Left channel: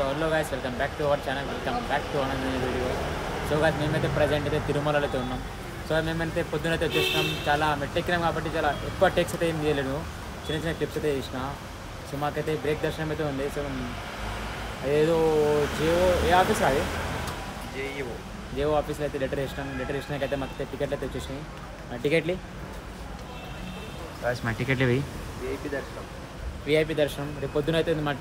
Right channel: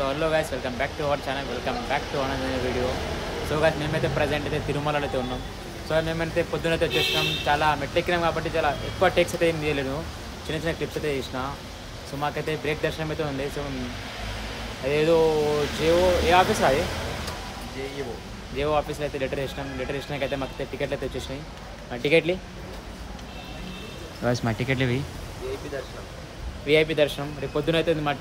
So hello guys, welcome back to our channel, welcome back to another video. So guys, మేమైతే present అయితే తిరుమలలో అయితే ఉన్నాం. So మేమైతే పొద్దున అయితే వచ్చేసినాం. చాలా మెట్టెక్కినాం కాబట్టి చాలా ఎక్కువ టేక్స్ అయితే ఏం చేయలేను, చిన్న చిన్న క్లిప్స్ అయితే చేసిన. సో మాకైతే బ్రేక్ దర్శనం అయితే ఉంది. సో అదేదో ఏ ఆఫీస్ అది జేఓ ఆఫీస్లో అయితే లెటర్ ఇచ్చినాక అయితే మాకైతే టికెట్లు అయితే వచ్చేసినాయి. మా టికెట్లు ఇవి విఐపి దర్శనం. రేపు పొద్దున అయితే ఉంది మా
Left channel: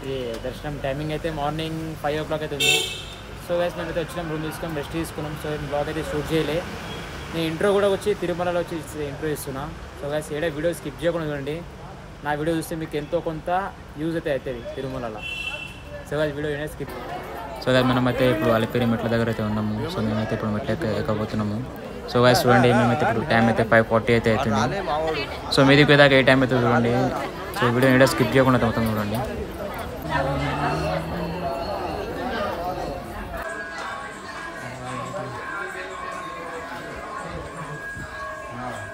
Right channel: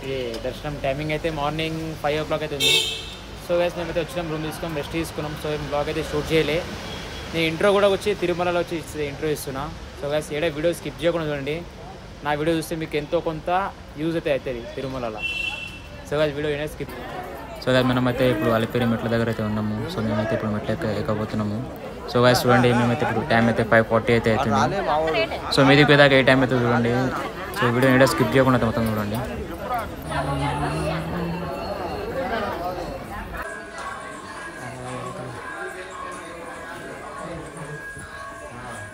దర్శనం. టైమింగ్ అయితే మార్నింగ్ 5 o'clock అయితే ఉంది. సో గైస్, మేమైతే వచ్చినాం, రూమ్ తీసుకున్నాం, రెస్ట్ తీసుకున్నాం. సో బ్లాగ్ అయితే షూట్ చేయలే. నేను ఇంట్రో కూడా వచ్చి తిరుమలలో వచ్చి ఇంట్రో ఇస్తున్నా. సో గైస్, ఏడే వీడియో స్కిప్ చేయకుండా చూడండి. నా వీడియో చూస్తే మీకు ఎంతో కొంత యూజ్ అయితే అవుతుంది తిరుమలలో. సో గైస్, వీడియో ఏమైనా స్కిప్. సో గైస్, మనమైతే ఇప్పుడు అలిపిరి మెట్ల దగ్గర అయితే ఉన్నాము. సో మేమైతే ఇప్పుడు మెట్లు ఎక్కబోతున్నాము. సో గైస్ చూడండి, మేమైతే ఇప్పుడు టైం అయితే 5:40 అయితే అవుతుంది. సో మీది పోయేదాకా ఏ టైం అయితే చూడండి. సో వీడియో ఏడా స్కిప్ చేయకుండా మొత్తం చూడండి.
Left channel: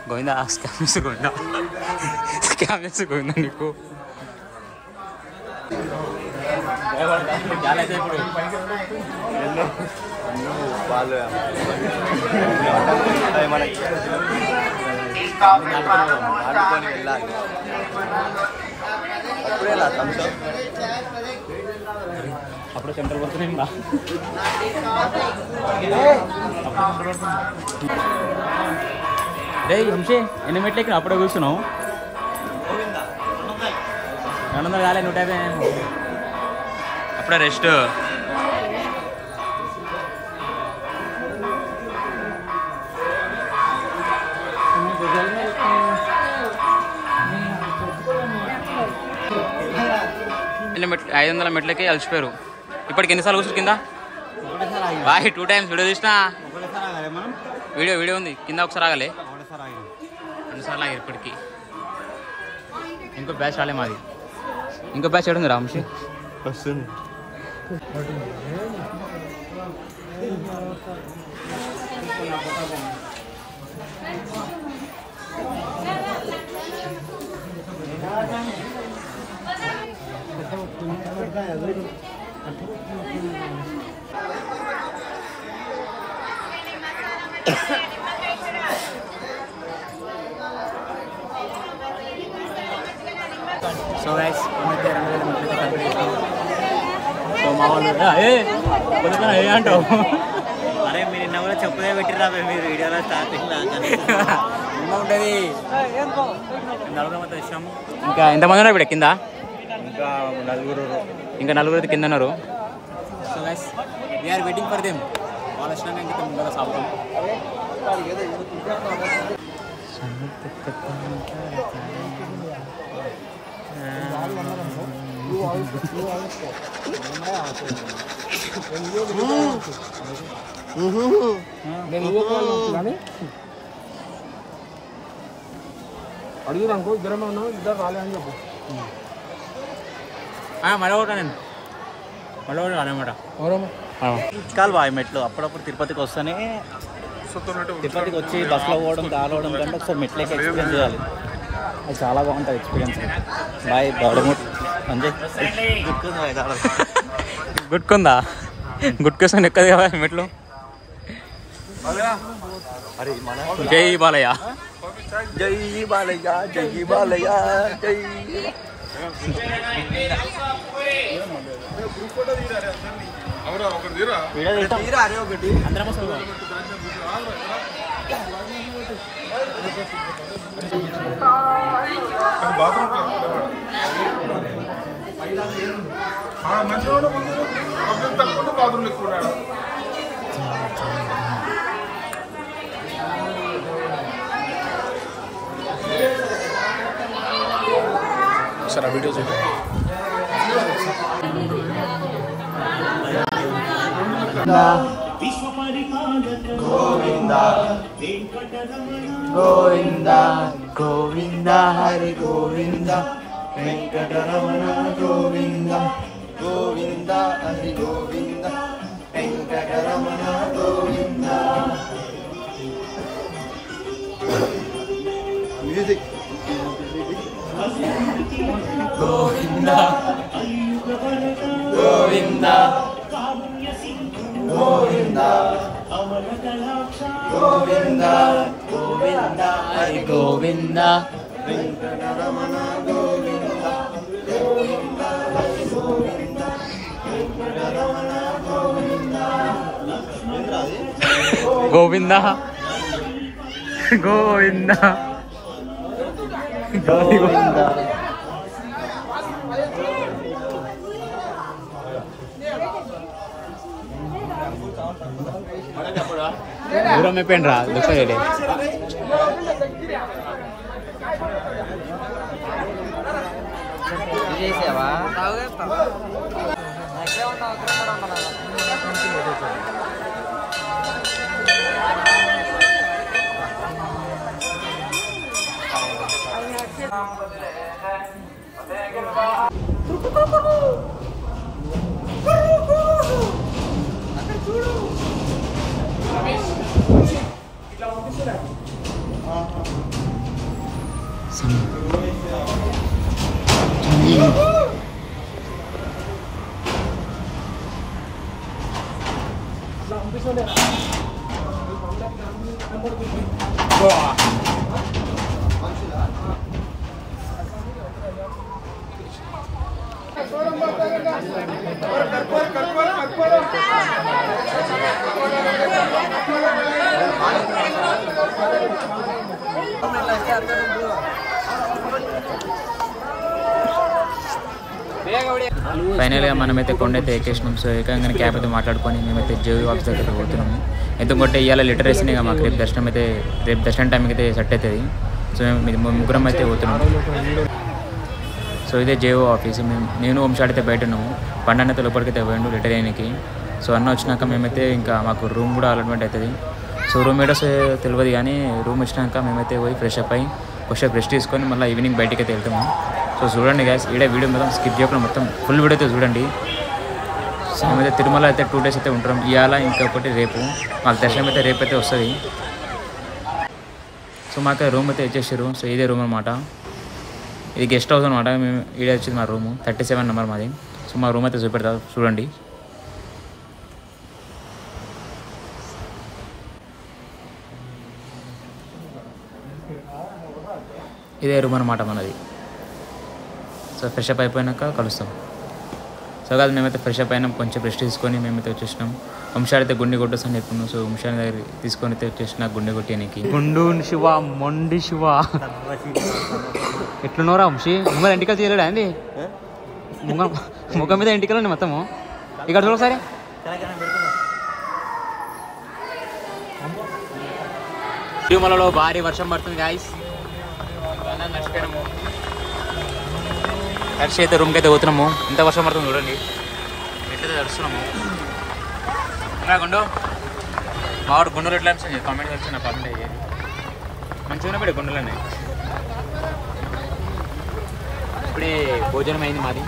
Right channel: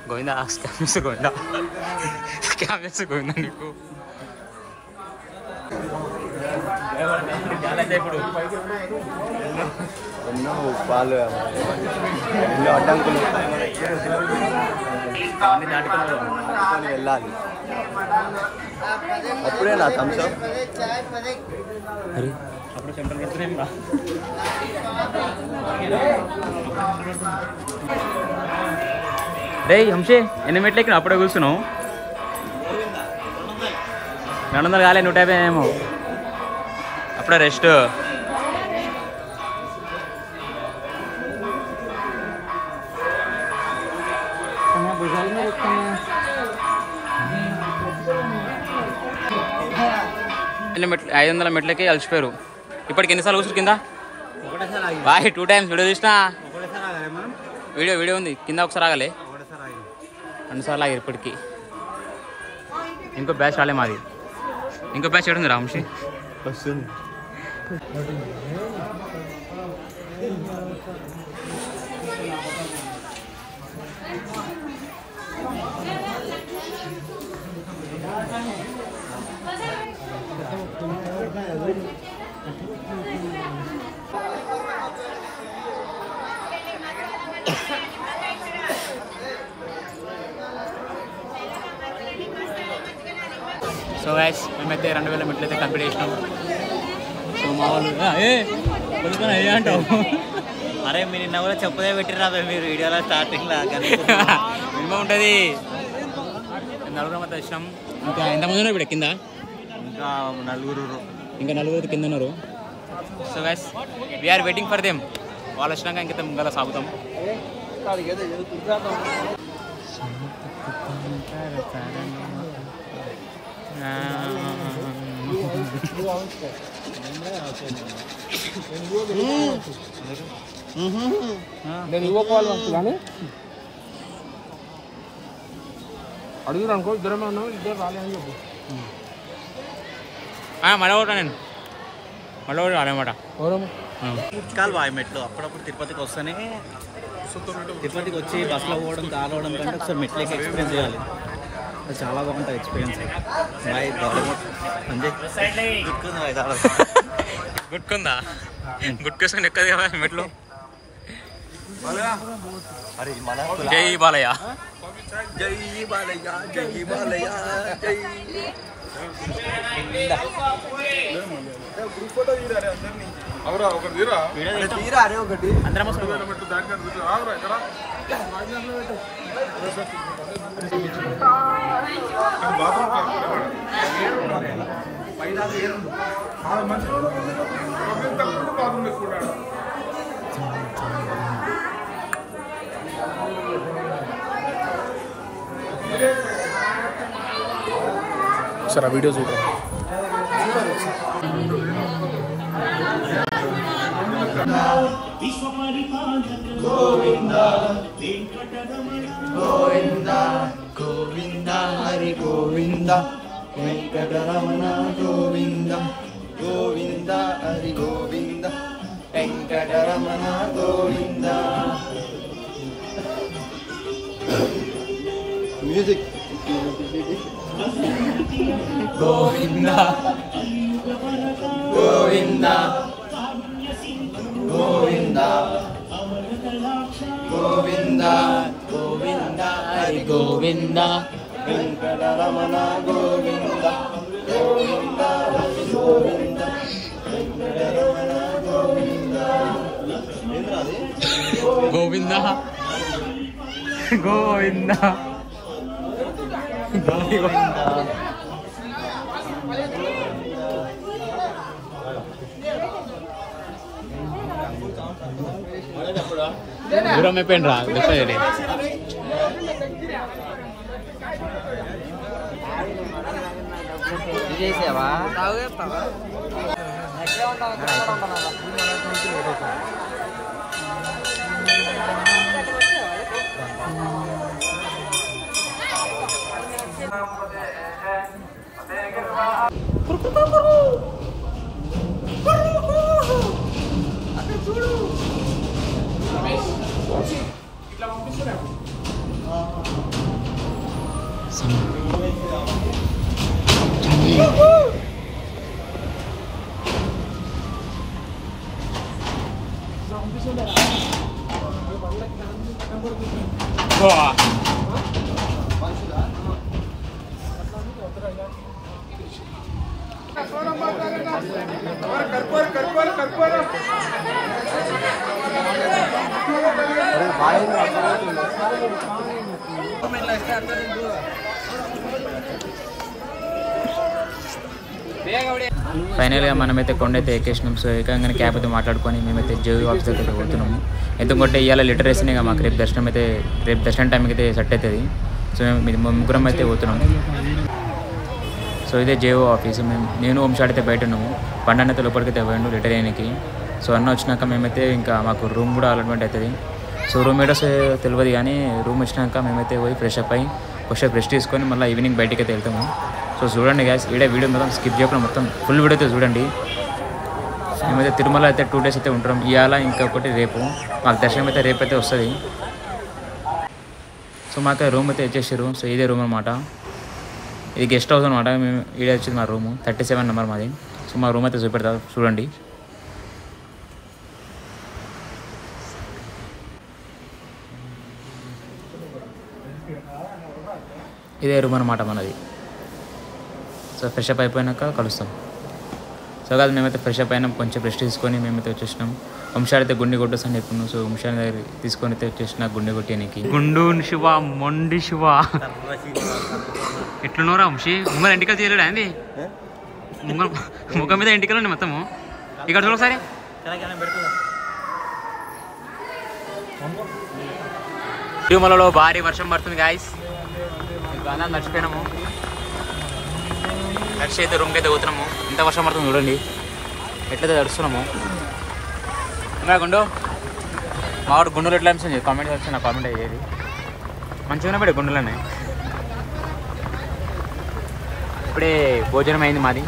గోవిందా, స్కామ్స్ గోవిందా నీకు ఇప్పుడు అప్పుడు సెంటర్ పడుతున్నాయి. రే వంశీ, ఎన్ని మెట్లు ఎక్కినా అప్పుడే కూర్చున్నావు. 200 కాలే, 150 ఏమో. అప్పుడే రెస్ట్. మెట్లు 500 మెట్లకి అలసిపోయారు. ఇప్పటికి ఎన్నిసార్లు కూర్చుని కింద? బాయ్ 2 times వీడియో చూసినా. వీడియో ఉంది కింద. ఒకసారి ఆగలే, 2 సార్లు ఆగారు ఇప్పటికి. ఇంకో బ్యాచ్ రాలే మాది. ఇంకో బ్యాచ్ ఏడుంది రాంశి వస్తుంది. సో గైస్, మేమైతే 2000 మెట్లు అయితే కంప్లీట్ చేసినాం. సో మా వాళ్ళు ఏ అంటావు? అరే మీరు నిన్న కూడా చెప్పదే పెట్టిరా మీరు వీడియోలో స్టార్టింగ్ ఏమో ఉంటుంది. నలుగురు మొత్తం వచ్చాం. ఇంకా ఎంతమంది ఉన్నారు ఇప్పుడు కింద? ఇంకా నలుగురు అయితే కింద ఉన్నారు. So guys, we are waiting for them. వాళ్ళు వచ్చినాక ఇంకా ముందర సాగుతాం. అడుగురు అనుకో, ఇద్దరమే ఉన్నాం, ఇద్దరు రాలే అని చెప్పు. మళ్ళీ ఒకటా నేను మళ్ళీ ఒకటి రాలేమాట. పుచ్చుకాలు బాగా మెట్లు. అప్పుడప్పుడు తిరుపతికి వస్తేనే, తిరుపతికి వచ్చి బస్సులో పోవడం, కార్లో పోవడం కంటే ఒకసారి మెట్లకి ఎక్స్పీరియన్స్ చేయాలి. అది చాలా బాగుంటుంది ఎక్స్పీరియన్స్. బాయ్ గుట్టుకుందా? గుట్టుకేసుకొని ఎక్కదు మెట్లు. జై బాలయ్య, జై బాలయ్య, జై బాలయ్య, జై. అందరం సరే వీడియో చూడండి. గోవింద గోవింద గోవింద హరి గోవింద వెంకటరమణ గోవింద గోవింద హరి గోవింద వెంకటరమణ గోవింద. మ్యూజిక్. గోవింద గోవింద గోవింద గోవింద గోవింద గోవింద హరి గోవింద వెంకటరమణ గోవింద గోవింద హరి గోవింద వెంకటరమణ గోవింద గోవింద గోవింద గోవింద దూరం అయిపోయింది రా దుఃఖలే చేసావా ఫైనల్గా మనమైతే కొండైతే ఎక్కేసినాం. సో ఏకంగానే క్యాబ్ అయితే మాట్లాడుకొని మేమైతే జేయూ ఆఫీస్ దగ్గర అయితే పోతున్నాము. ఎందుకంటే ఇవాళ లెటర్ వేసినా మాకు రేపు దర్శనం టైంకి అయితే సెట్ అవుతుంది. సో మేము ముగ్గురం అయితే పోతున్నాము. సో ఇదే జేయూ ఆఫీస్. నేను వంశాడు అయితే బయట ఉన్నాము. పండన్న అయితే లోపలికైతే పోయిండు లెటర్ వేయడానికి. సో అన్న వచ్చినాక మేమైతే ఇంకా మాకు రూమ్ కూడా అలాట్మెంట్ అవుతుంది. సో రూమ్ ఏడో తెలియదు కానీ రూమ్ వచ్చినాక మేమైతే పోయి ఫ్రెష్ అప్ అయ్యి కొంచెం రెస్ట్ తీసుకొని మళ్ళీ ఈవినింగ్ బయటికి అయితే వెళ్తాము. సో చూడండి గ్యాస్ ఈడే వీడియో మొత్తం స్కిప్ చేయకుండా మొత్తం ఫుల్ వీడియో అయితే చూడండి. సో మేమైతే తిరుమల అయితే 2 days అయితే ఉంటాం. ఇవాళ ఇంకొకటి రేపు మాకు దర్శనం అయితే రేపు అయితే వస్తుంది. సో మాకు రూమ్ అయితే ఇచ్చేసారు. సో ఇదే రూమ్ అనమాట. ఇది గెస్ట్ హౌస్ అనమాట. మేము ఈడే వచ్చింది మా రూము 37 నెంబర్ మాది. సో మా రూమ్ అయితే చూపెడతా చూడండి. ఇదే రూమ్ అనమాట మనది. సో ఫ్రెష్ అప్ అయిపోయినాక కలుస్తాం. సో కాదు మేమైతే ఫ్రెష్ అప్ అయినాం. కొంచెం రెస్ట్ తీసుకొని మేమైతే వచ్చేసినాం. వంశాడు అయితే గుండె కొట్టేసి అని చెప్పుకున్నాం. సో వంశాన్ని దగ్గర తీసుకొని అయితే వచ్చేసిన గుండె కొట్టేనికి. గుండు శివ మొండి శివ ఎట్లున్నారా వంశీ? ముంగల ఎంటికలు తీయలేడా అండి? ముఖం మీద ఎంటికలు అండి మొత్తము. ఇక్కడ చూడసారి తిరుమలలో భారీ వర్షం పడుతుంది గాయస్. అలా మర్చిపోయినాము. నడిచి అయితే రూమ్కి అయితే పోతున్నాము. ఇంత వర్షం పడుతుంది చూడండి. ఎట్లయితే తడుస్తున్నాము. ఇంకా గుండు మా వాడు గుండెలు ఎట్లా అనిపించింది కామెంట్ వచ్చి నా కామెంట్ అయ్యేది. మంచిగానే పడే గుండెలోనే. ఇప్పుడే భోజనం అయింది మాది.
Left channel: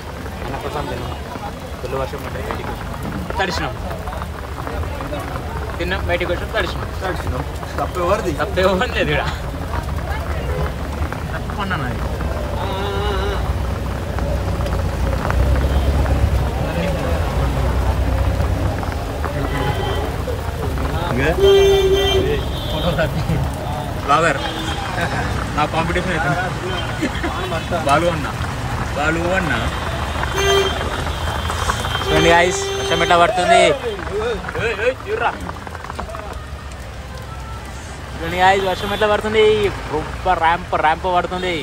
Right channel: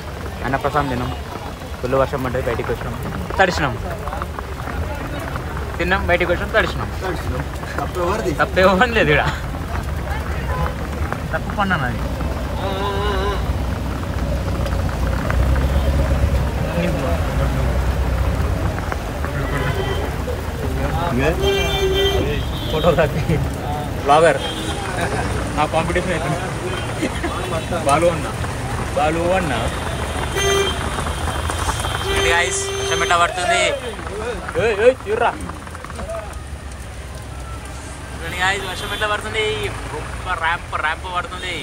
అన్నప్రసాదం తిన్నాం. ఫుల్ వర్షం పడ్డది. బయటికి వచ్చినాం తడిచినాం. తిన్నాం బయటికి వచ్చినాం తడిచినాం. తప్పేమని లేదు ఇక్కడ. తప్పన్నా అది ఫోటో బ్లాగర్ నా కాంపిటీషన్ అవుతుంది. బాలు అన్న ఐస్ వర్షం ఎట్లా పడుతుంది. వర్షం ఎట్లా పడుతుంది. గొప్ప ర్యాంప్ పడుతుంది.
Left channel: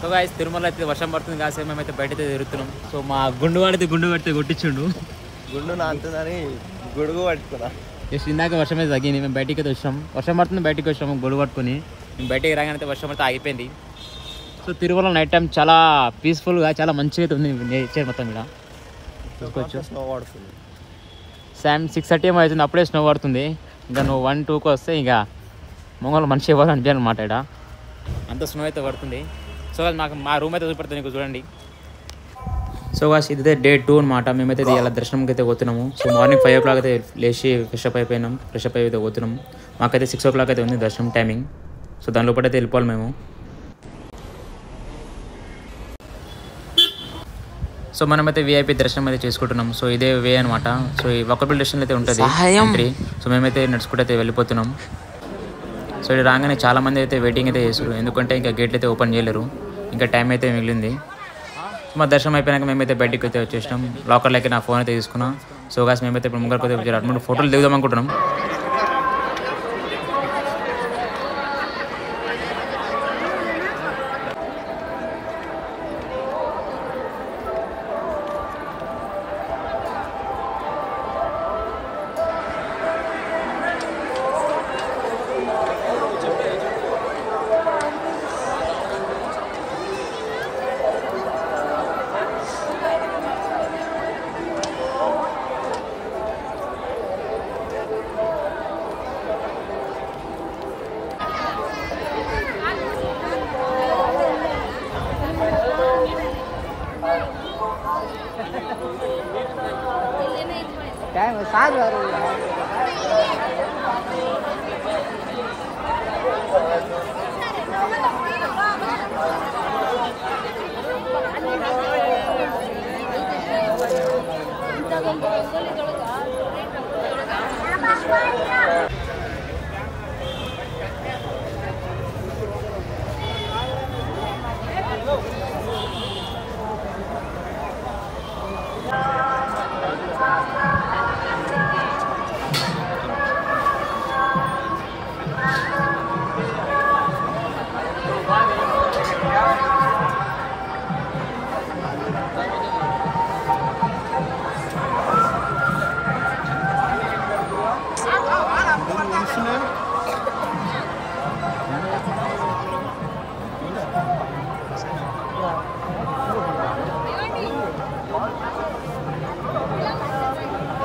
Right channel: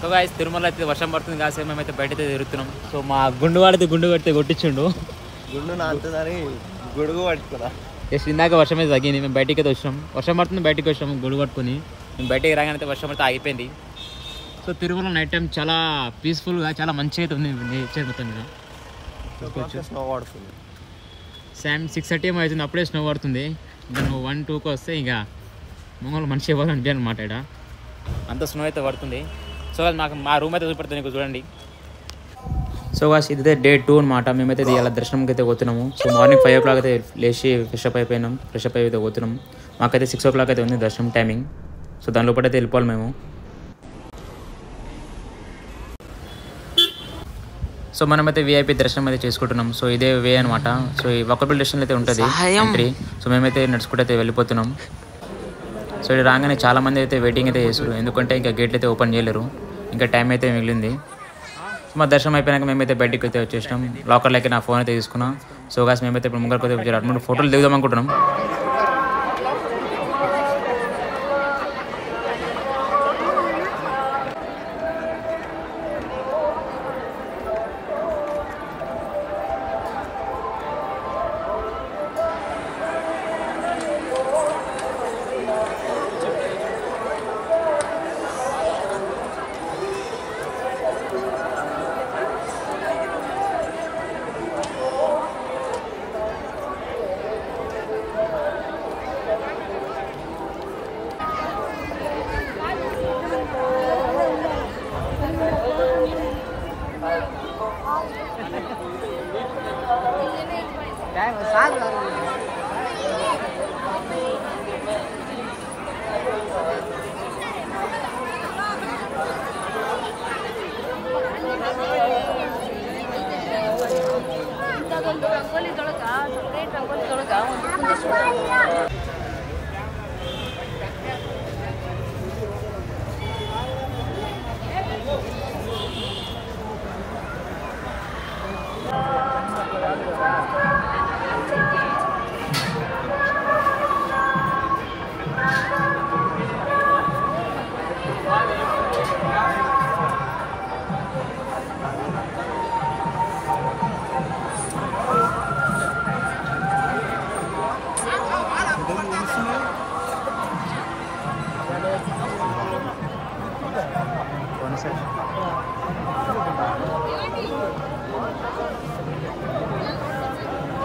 సో గాయస్ తిరుమల అయితే వర్షం పడుతుంది కాసే మేమైతే బయట అయితే తిరుగుతున్నాం. సో మా గుండు వాడితే గుండు కడితే కొట్టించుండు. గుండు నాటుదని గొడుగు పట్టుకున్నా. జస్ట్ ఇందాక వర్షం అయితే తగ్గింది. మేము బయటికి అయితే వచ్చినాం. వర్షం పడుతుంది బయటికి వచ్చినాము గొడుగు పట్టుకుని. మేము బయటికి రాగానైతే వర్షం అయితే ఆగిపోయింది. సో తిరుమల నైట్ టైం చాలా పీస్ఫుల్గా చాలా మంచిగా అయితే ఉంది నేచర్ మొత్తం. ఇక్కడ చూసుకోవచ్చు స్నో పడుతుంది. 6:30 ఏమో అవుతుంది. అప్పుడే స్నో పడుతుంది. ఇంకా నువ్వు 1-2కి వస్తే ఇక మొంగోలు మనిషి ఇవ్వాలి అనిపించాలన్నమాట. ఇక్కడ అంత స్నో అయితే పడుతుంది. సో అది మా రూమ్ అయితే చూపెడుతుంది నీకు చూడండి. సో గాస్ ఇదైతే డే 2 అనమాట. మేమైతే ఇలా దర్శనంకి అయితే పోతున్నాము. సో మార్నింగ్ 5 o'clock అయితే లేచి ఫ్రెష్ అప్ అయితే పోతున్నాం. మాకైతే 6 o'clock అయితే ఉంది దర్శనం టైమింగ్. సో దాని లోపల అయితే వెళ్ళిపోవాలి మేము. సో మనమైతే VIP దర్శనం అయితే చేసుకుంటున్నాం. సో ఇదే వే అనమాట. సో ఈ వాకబుల్ డెస్టినేషన్ అయితే ఉంటుంది ఎంట్రీ. సో మేమైతే నడుచుకుంటూ అయితే వెళ్ళిపోతున్నాం. సో ఇది రాగానే చాలా మంది అయితే వెయిటింగ్ అయితే చేస్తారు, ఎందుకంటే ఇంకా గేట్లు అయితే ఓపెన్ చేయలేరు, ఇంకా టైం అయితే మిగిలింది. సో మా దర్శనం అయిపోయినాక మేమైతే బయటికి అయితే వచ్చేసినాం. లాకర్లోకి నా ఫోన్ అయితే తీసుకున్నాం. సో గాస్ మేమైతే ఇప్పుడు ముంగరికి అయితే 2-3 ఫోటోలు దిగుదాం అనుకుంటున్నాం.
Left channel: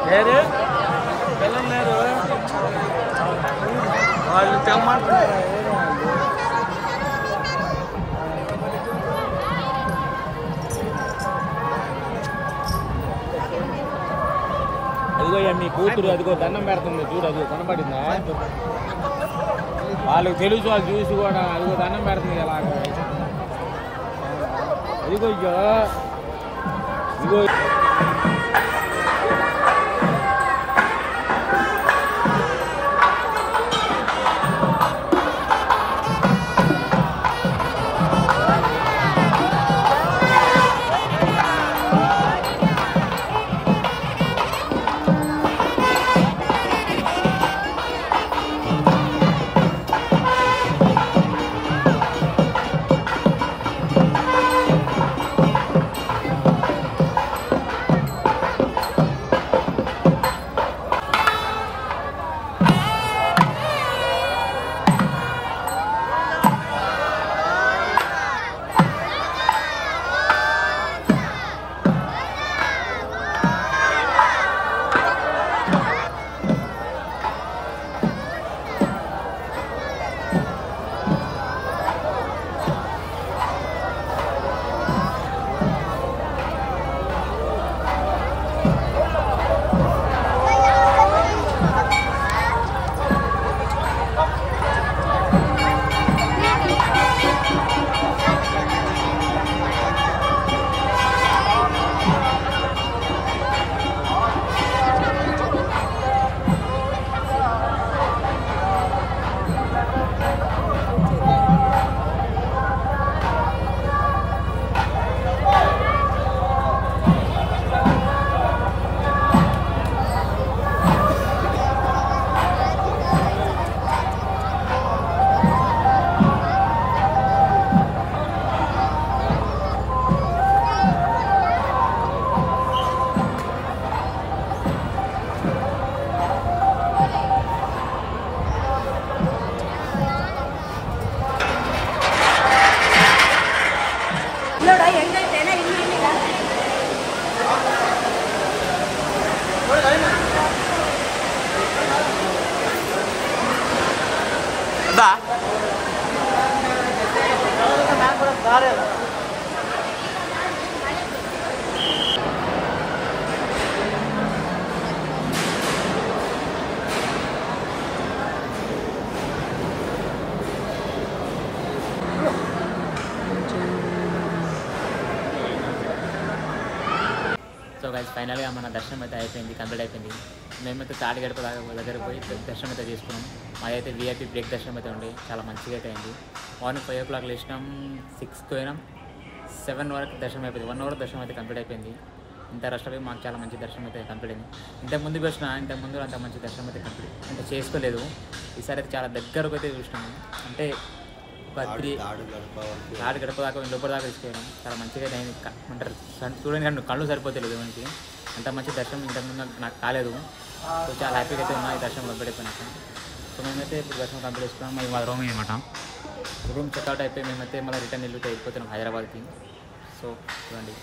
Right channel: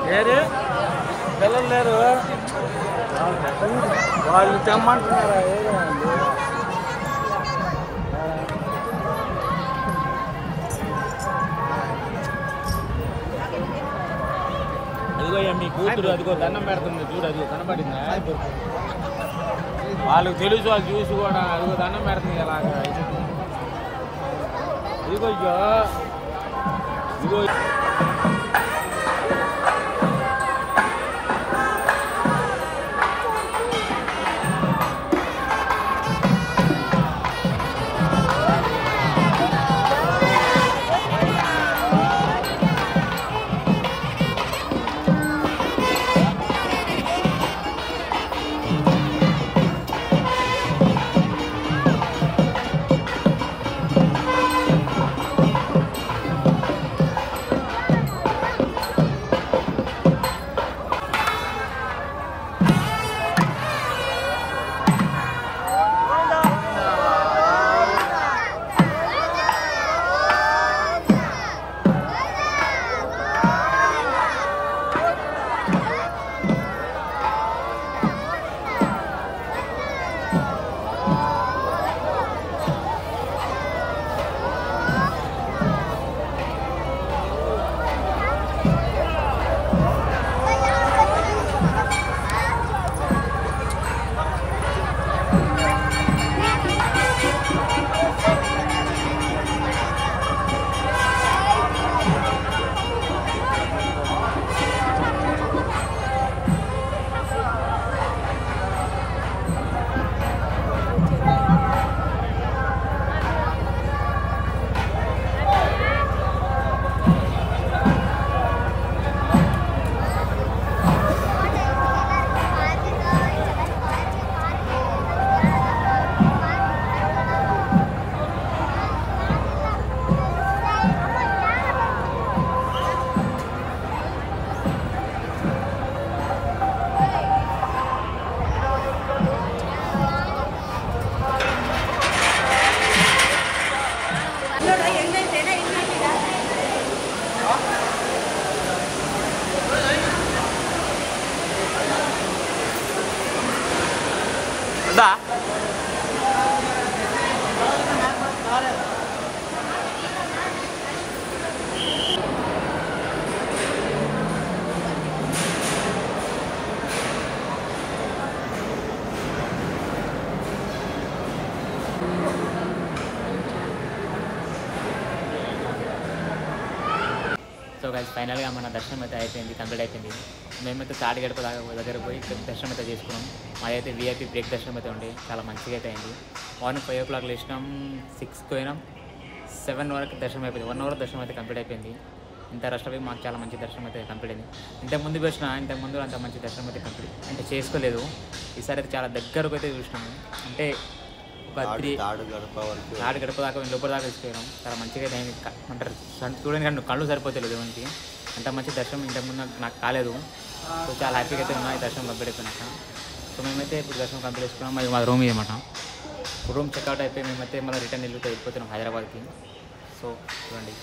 లేరు పిల్లలు లేరు, వాళ్ళు తెమ్మంటారు. అదిగో మీ కూతురు అదిగో దండం పెడుతుంది చూడు, అదిగో కనపడిందా? వాళ్ళకి తెలుసు, వాళ్ళు చూసి కూడా అదిగో దండం పెడుతుంది కదా. ఇదిగో ఇదిగో సో గైస్ ఫైనల్గా మన దర్శనం అయితే అయిపోయింది, కంప్లీట్ అయిపోయింది. మేమైతే తాడి గడప దగ్గర పోయి దర్శనం అయితే చేసుకున్నాం. మాదైతే వీఐపీ బ్రేక్ దర్శనం అయితే ఉండే, చాలా మంచిగా అయితే అయింది. మార్నింగ్ 5 o'clock లేచినాం, 6కి పోయినాం, 7 వరకు దర్శనం అయిపోయింది. 1 hour దర్శనం అయితే కంప్లీట్ అయిపోయింది. ఇంత రష్ అవి మాకు చాలా మంచి దర్శనం అయితే కంప్లీట్ అయింది. ఇంతకుముందు అంత మంచి దర్శనం అయితే కంప్లీట్ అంటే చేసుకోలేదు. ఈసారి అయితే చాలా దగ్గరకు అయితే చూసినాము. అంటే ఒక తాడు గడప దాకా లోపల దాకా తీసుకెళ్ళాం. చాలా మంచిగా అయితే అయింది. అంటారు చూడండి కానీ కళ్ళు సరిపోతలేదు దేవునికి, అంత మంచి దర్శనం ఇంతకుముందు నాకు కాలేదు. సో చాలా హ్యాపీగా అయితే ఉన్నాయి దర్శనం కంప్లీట్ అయిపోయినాక. సో మేమైతే ఇప్పుడు దర్శనం కంప్లీట్ చేసుకున్నాం. అది మా రూమ్ అనమాట. రూమ్ చెక్అవుట్ అయిపోయి మేమైతే మళ్ళీ రిటర్న్ వెళ్ళిపోతున్నాం హైదరాబాద్కి. సో చూడండి.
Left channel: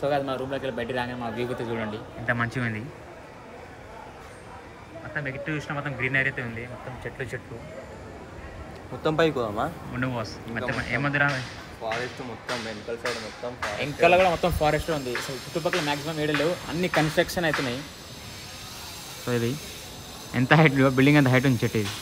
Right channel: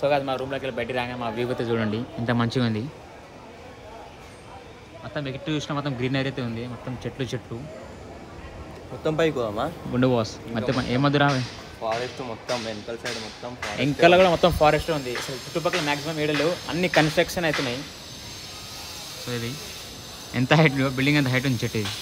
సో కాదు మా రూమ్లోకి వెళ్ళి బయటికి రాగానే మా వ్యూ అయితే చూడండి ఇంత మంచిగా ఉంది. మొత్తం ఎక్కి చూసినా మొత్తం గ్రీనరీ అయితే ఉంది, మొత్తం చెట్లు మొత్తం పైకి పోదామా? ఉండు బాస్ మొత్తం ఏమొద్దు రా. ఫారెస్ట్ మొత్తం వెనకాల సైడ్ మొత్తం వెనకాల కూడా మొత్తం ఫారెస్ట్ ఉంది. సో చుట్టుపక్కల మ్యాక్సిమం ఏడలు అన్ని కన్స్ట్రక్షన్ అవుతున్నాయి. సో ఇది ఎంత హైట్ బిల్డింగ్ ఎంత హైట్ ఉంది చెట్టు ఇది.